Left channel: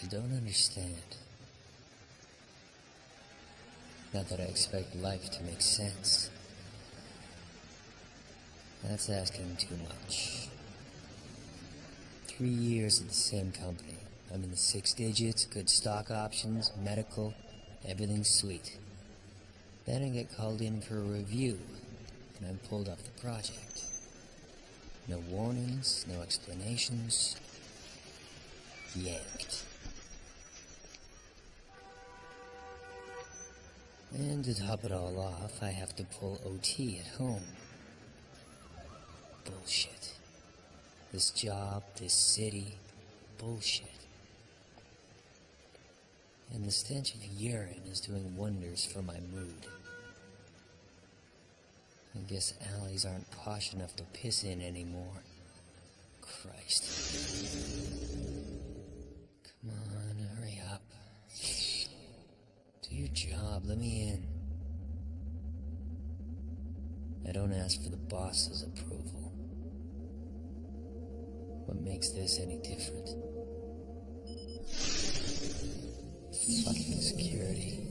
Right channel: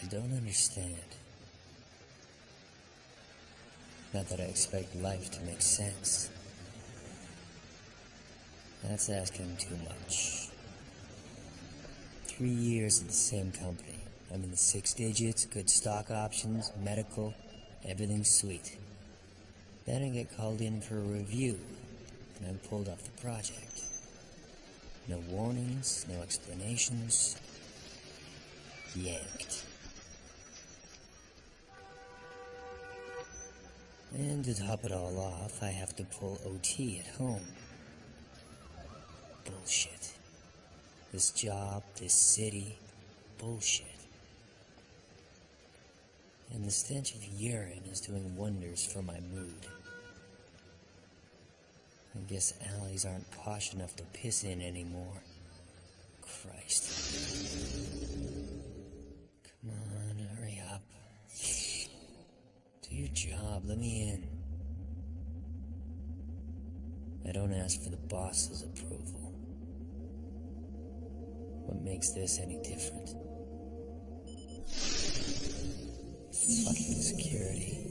I don't understand. Not that I expect life to make sense. That's asking too much. 3 years at the same company. I'm in the 6 digits, good stock options, medical, everything's sweet. Then I get called in for a review, and I'm pulled off the project. No warnings, no explanations. Yanked. And to top it all off, I have to pull OT at home. Bullshit. This job, this city, bullshit. And the stench of urine is doing wonders for my mood. I guess alleys aren't posh enough to piss in anymore. Christ. Come on, hurry up. Do your job, let me in. I don't ask for the boss's approval. What makes this any different? Fucking security.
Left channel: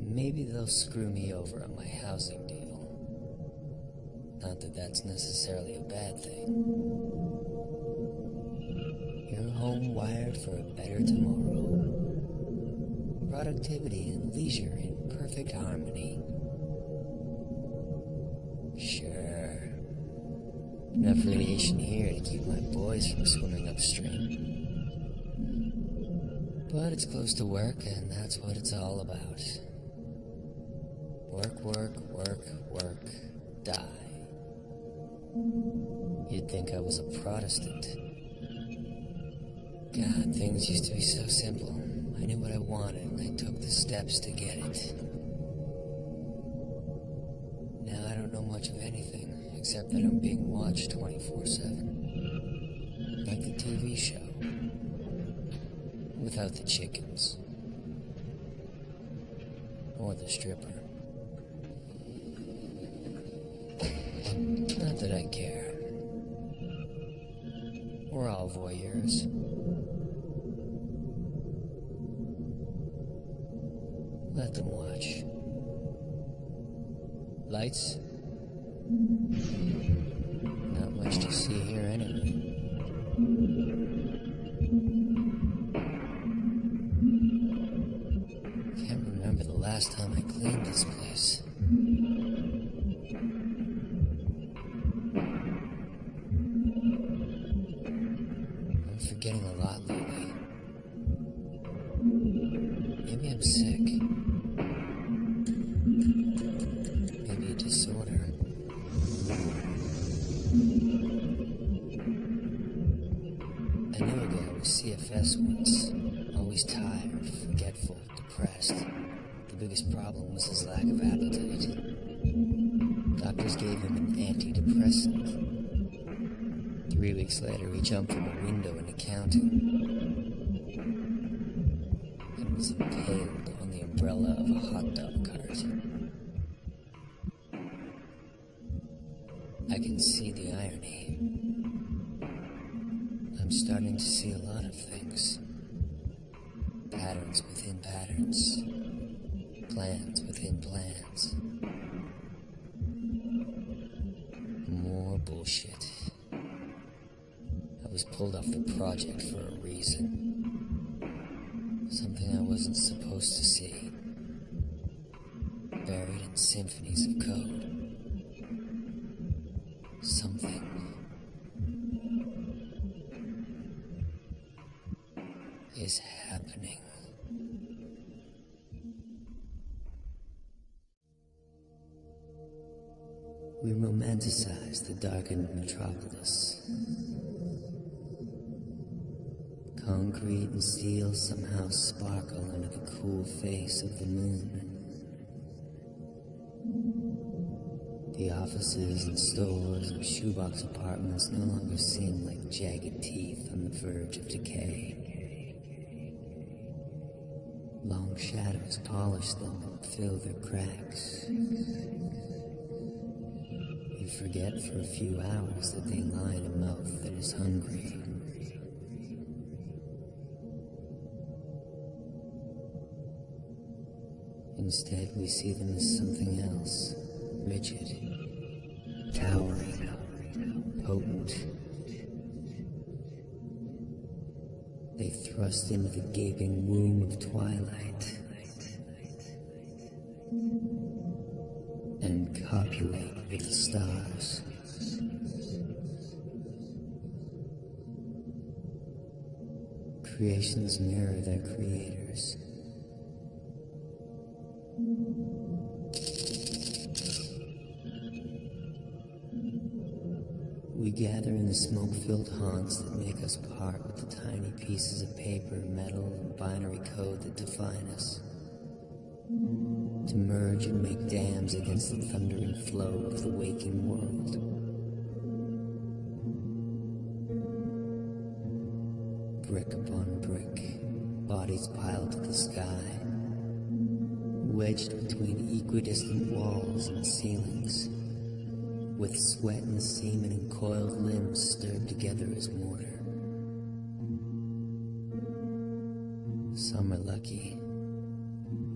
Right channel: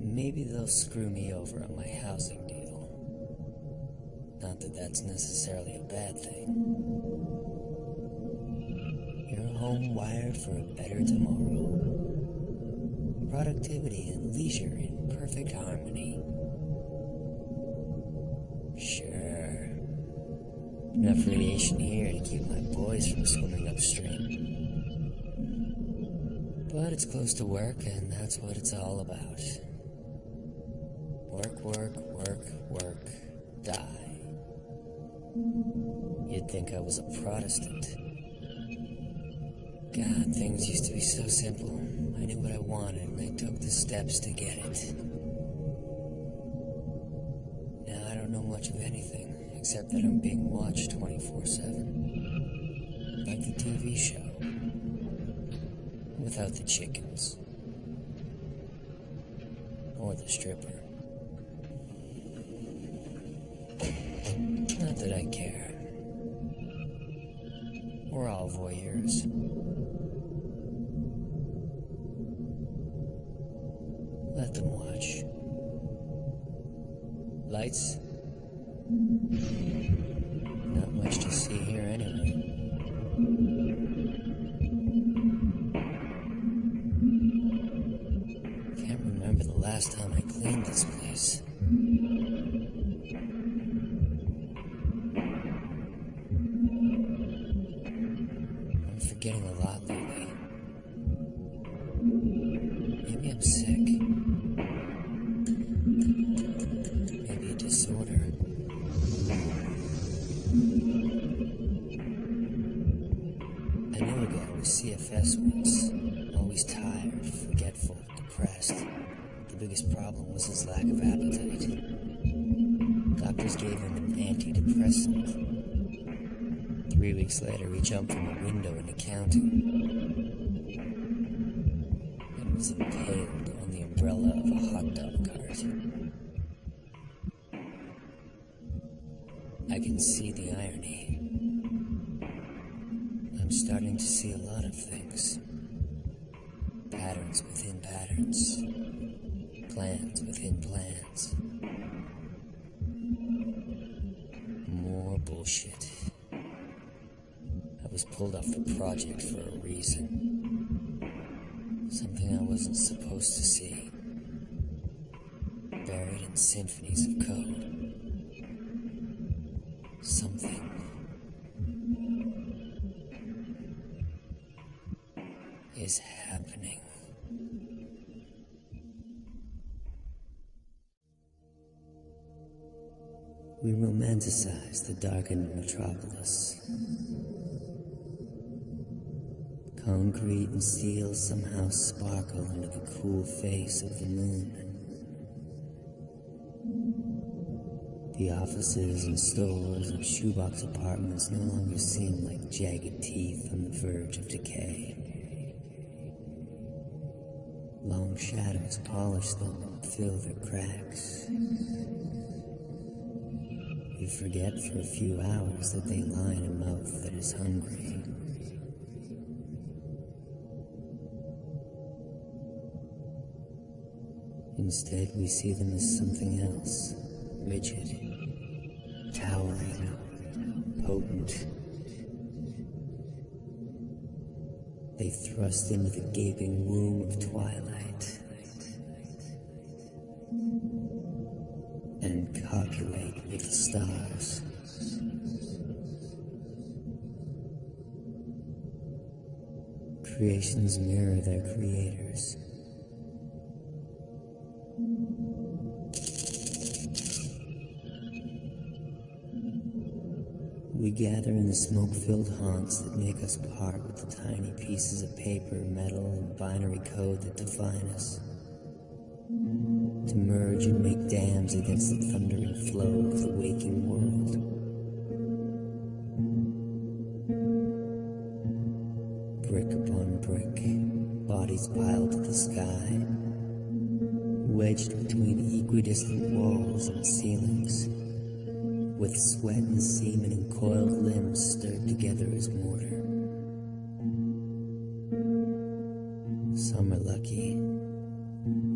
Maybe they'll screw me over on my housing deal. Not that that's necessarily a bad thing. Your home wired for a better tomorrow. Productivity and leisure in perfect harmony. Sure. Enough radiation here to keep my boys from swimming upstream. But it's close to work, and that's what it's all about. Work, work, work, work, die. You'd think I was a Protestant. God, things used to be so simple. I knew what I wanted, and I took the steps to get it. Now I don't know much of anything, except that I'm being watched 24/7. Like the TV show. Without the chickens. Or the stripper. Not that I care. We're all voyeurs. Let them watch. Lights? Not much to see here anyway. Can't remember the last time I cleaned this place. I'm forgetting a lot lately. Maybe I'm sick. Maybe a disorder. I knew a guy with CFS once. Always tired, forgetful, depressed. The biggest problem was his lack of appetite. Doctors gave him an antidepressant. 3 weeks later, he jumped from a window in accounting and was impaled on the umbrella of a hot dog cart. I can see the irony. I'm starting to see a lot of things. Patterns within patterns. Plans within plans. More bullshit. I was pulled off the project for a reason. Something I wasn't supposed to see. Buried in symphonies of code. Something is happening. We romanticize the darkened metropolis. Concrete and steel somehow sparkle under the cool face of the moon. The offices and stores and shoebox apartments no longer seem like jagged teeth on the verge of decay. Long shadows polish them and fill their cracks. We forget for a few hours that they line a mouth that is hungry. Instead, we see them as something else. Rigid, towering, potent. They thrust into the gaping womb of twilight and copulate with the stars. Creations mirror their creators. We gather in the smoke-filled haunts that make us part with the tiny pieces of paper, metal, and binary code that define us. To merge and make dams against the thundering flow of the waking world. Brick upon brick, bodies piled to the sky, wedged between equidistant walls and ceilings, with sweat and semen and coiled limbs stirred together as mortar. Some are lucky.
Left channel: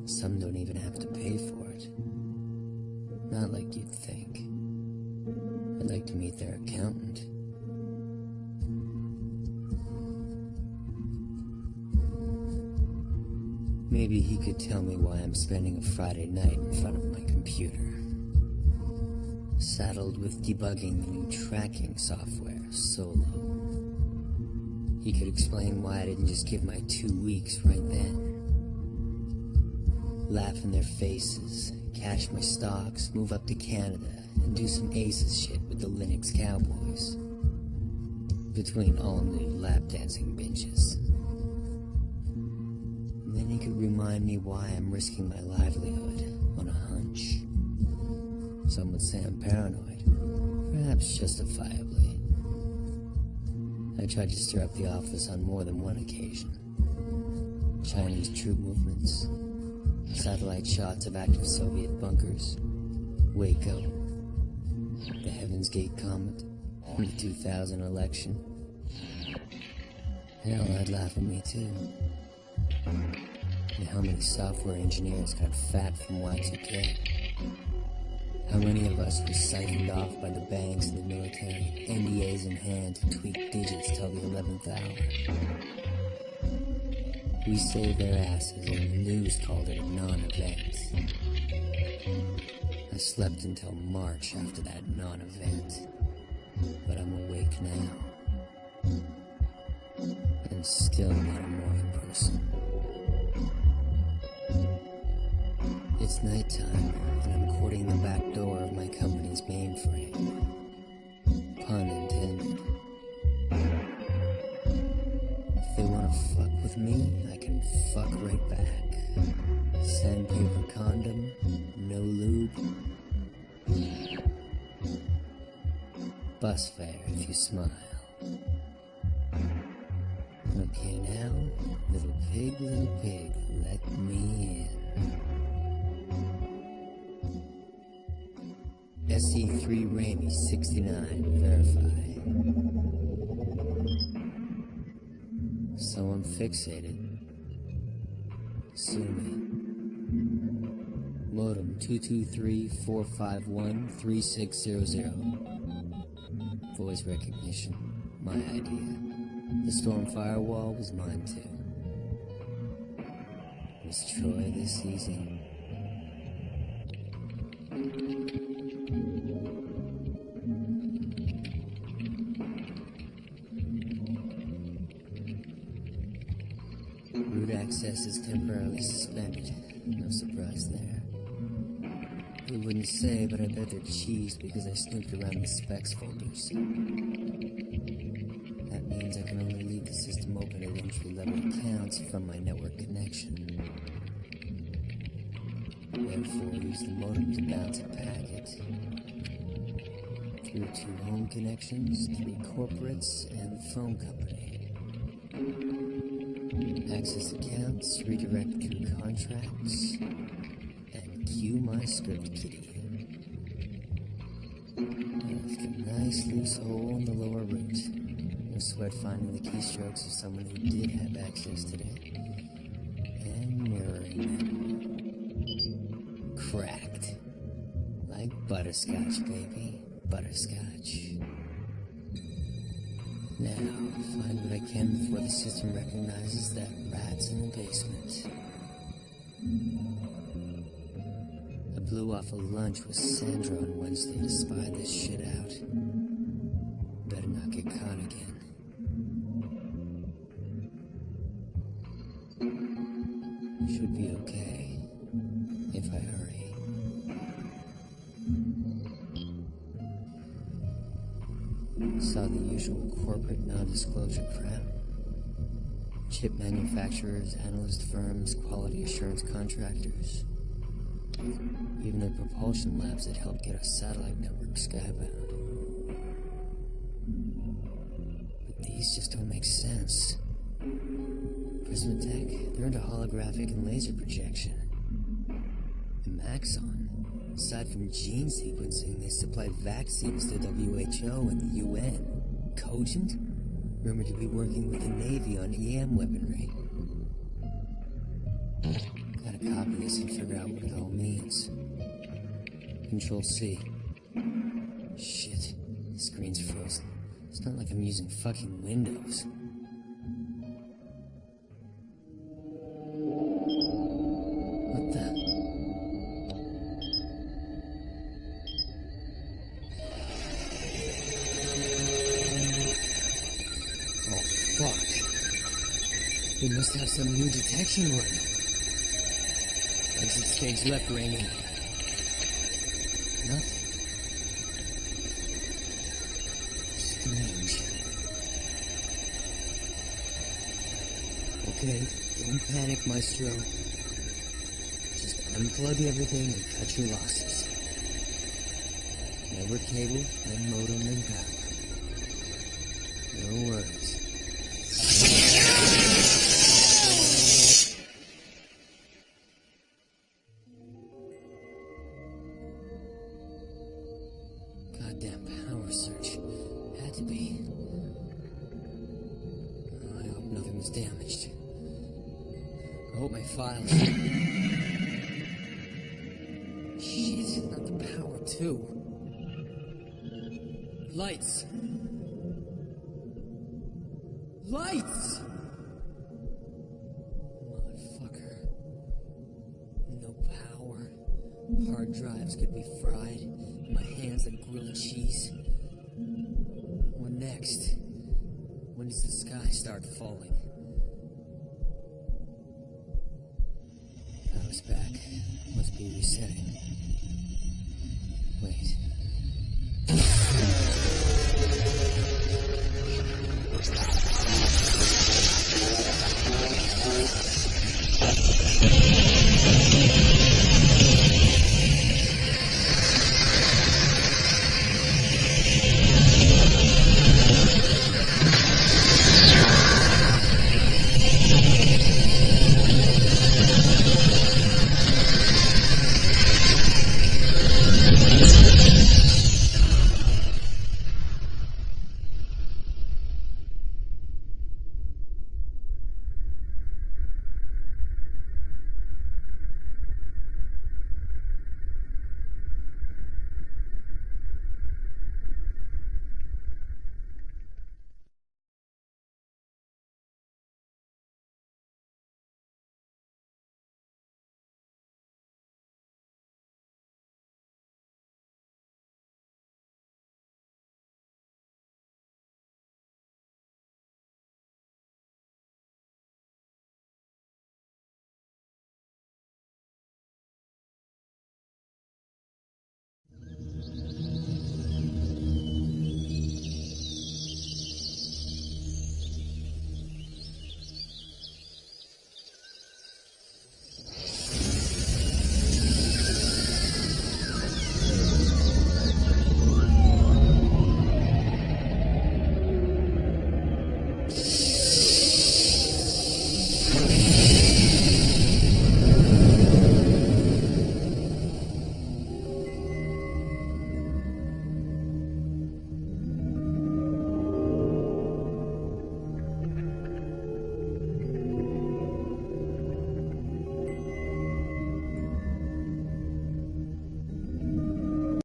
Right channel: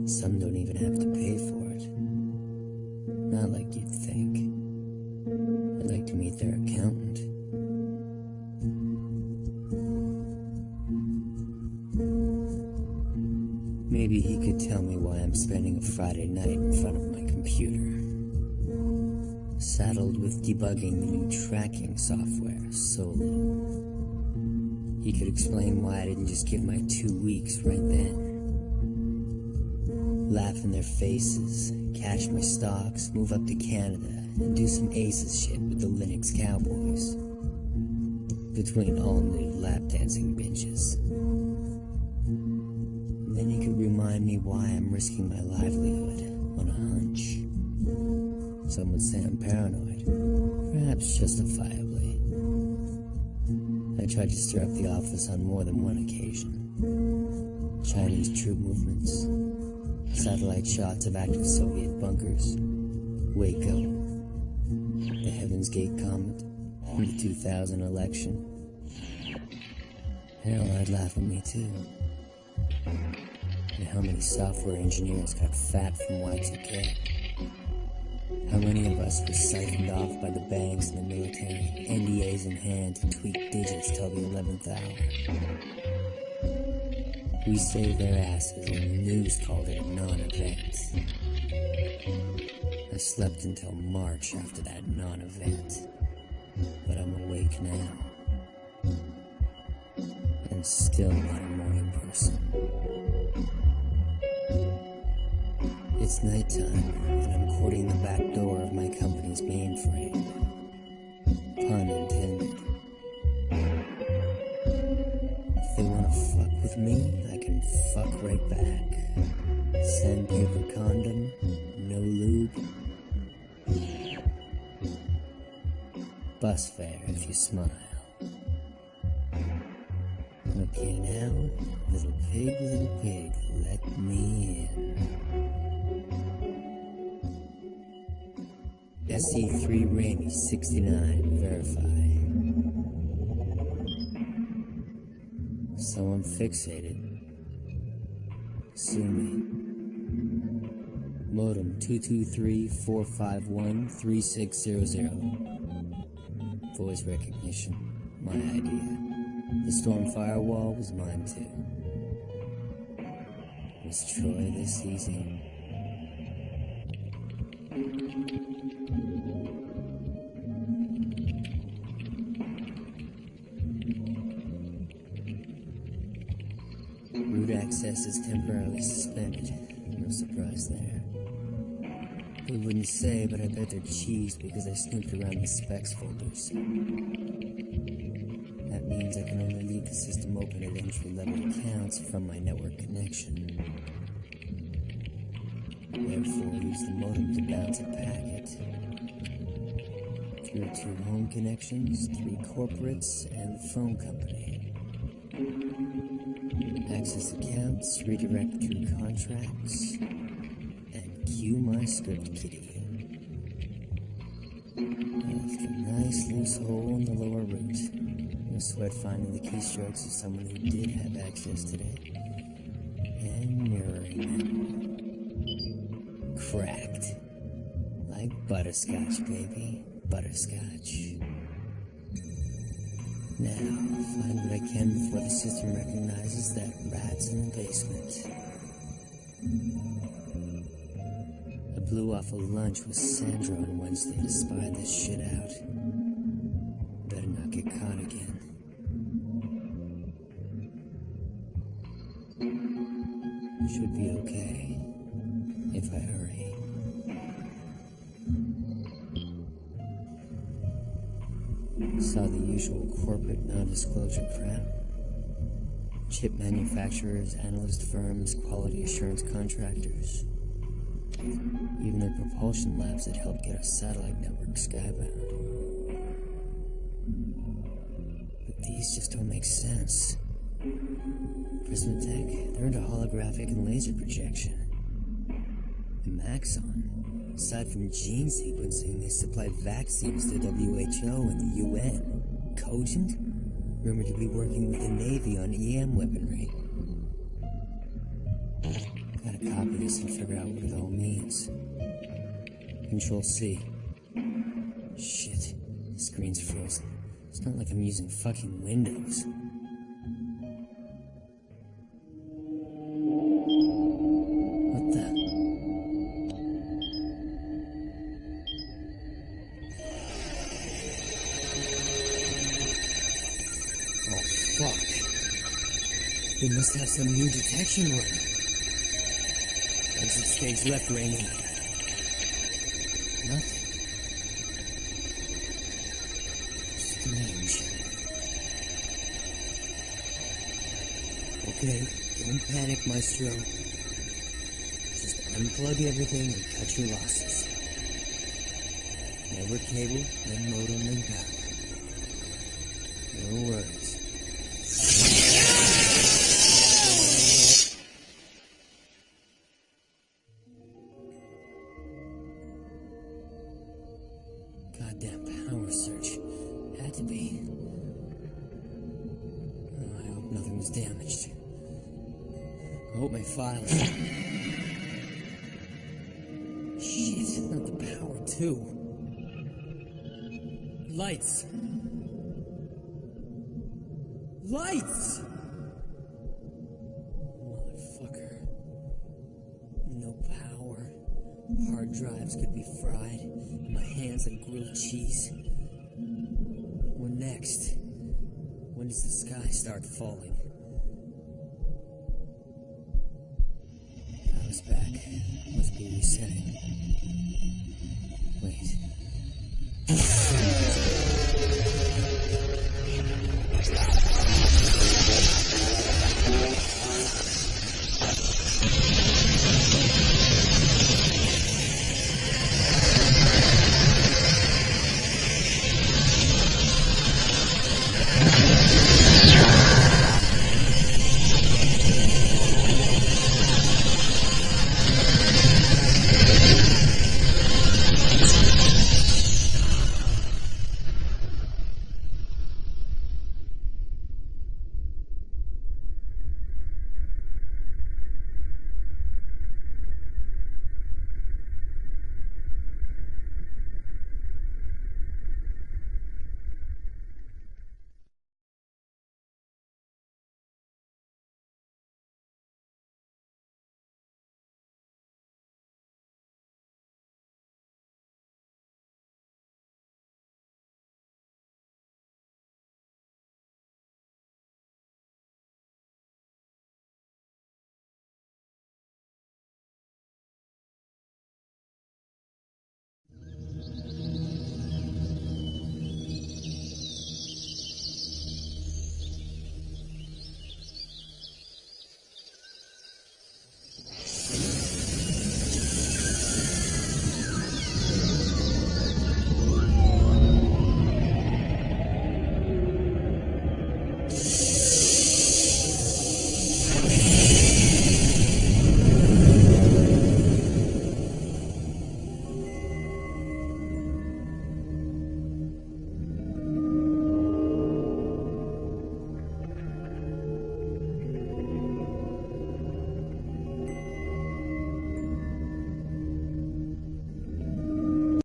Some don't even have to pay for it. Not like you'd think. I'd like to meet their accountant. Maybe he could tell me why I'm spending a Friday night in front of my computer, saddled with debugging the new tracking software, Solo. He could explain why I didn't just give my 2 weeks right then. Laugh in their faces, cash my stocks, move up to Canada, and do some aces shit with the Linux Cowboys. Between all new lap dancing binges. And then he could remind me why I'm risking my livelihood on a hunch. Some would say I'm paranoid, perhaps justifiably. I tried to stir up the office on more than one occasion. Chinese troop movements, satellite shots of active Soviet bunkers, Waco, the Heaven's Gate comet, the 2000 election. Hell, I'd laugh at me too. And how many software engineers got fat from Y2K? How many of us were siphoned off by the banks and the military, NDAs in hand to tweak digits till the 11th hour? We saved their asses and the news called it a non-event. I slept until March after that non-event, but I'm awake now. And still not a morning person. It's nighttime, and I'm courting the back door of my company's mainframe. Pun intended. If they want to fuck with me, I can fuck right back. Sandpaper condom, no lube. Bus fare if you smile. Okay now, little pig, let me in. SE3 Ramey 69, verify. So I'm fixated. Sue me. Modem 223-451-3600. Voice recognition, my idea. The storm firewall was mine too. Was Troy this easy? Root access is temporarily suspended. No surprise there. They wouldn't say, but I bet they're cheesed because I snooped around the specs folders. That means I can only leave the system open at entry-level accounts from my network connection. Therefore, use the modem to bounce a packet. Through 2 home connections, 3 corporates, and the phone company. Access accounts, redirect through contracts, and cue my script kiddie. I left a nice loose hole in the lower root. No sweat finding the keystrokes of someone who did have access today, and mirroring them. Cracked. Like butterscotch, baby. Butterscotch. Now, find what I can before the system recognizes that rat's in the basement. I blew off a lunch with Sandra on Wednesday to spy this shit out. Better not get caught again. Should be okay, if I hurry. Saw the usual corporate non-disclosure crap. Chip manufacturers, analyst firms, quality assurance contractors. Even the propulsion labs that helped get our satellite network skybound. But these just don't make sense. Prismatech, they're into holographic and laser projection. And Maxon, aside from gene sequencing, they supply vaccines to WHO and the UN. Cogent, rumored to be working with the Navy on EM weaponry. Gotta copy this and figure out what it all means. Control-C. Shit, the screen's frozen. It's not like I'm using fucking Windows. What the? Oh, fuck. They must have some new detection running. Exit stage left, Raymond. Nothing. Strange. Okay, don't panic, Maestro. Just unplug everything and cut your losses. Network cable, then modem, then power. No worries. Goddamn power surge. Had to be. Oh, I hope nothing was damaged. I hope my files... Shit, not the power, too. Lights! Lights! Motherfucker. No power. Hard drives could be fried, and my hands like grilled cheese. What next? When does the sky start falling? Power's back. Must be resetting. Wait. Something's wrong.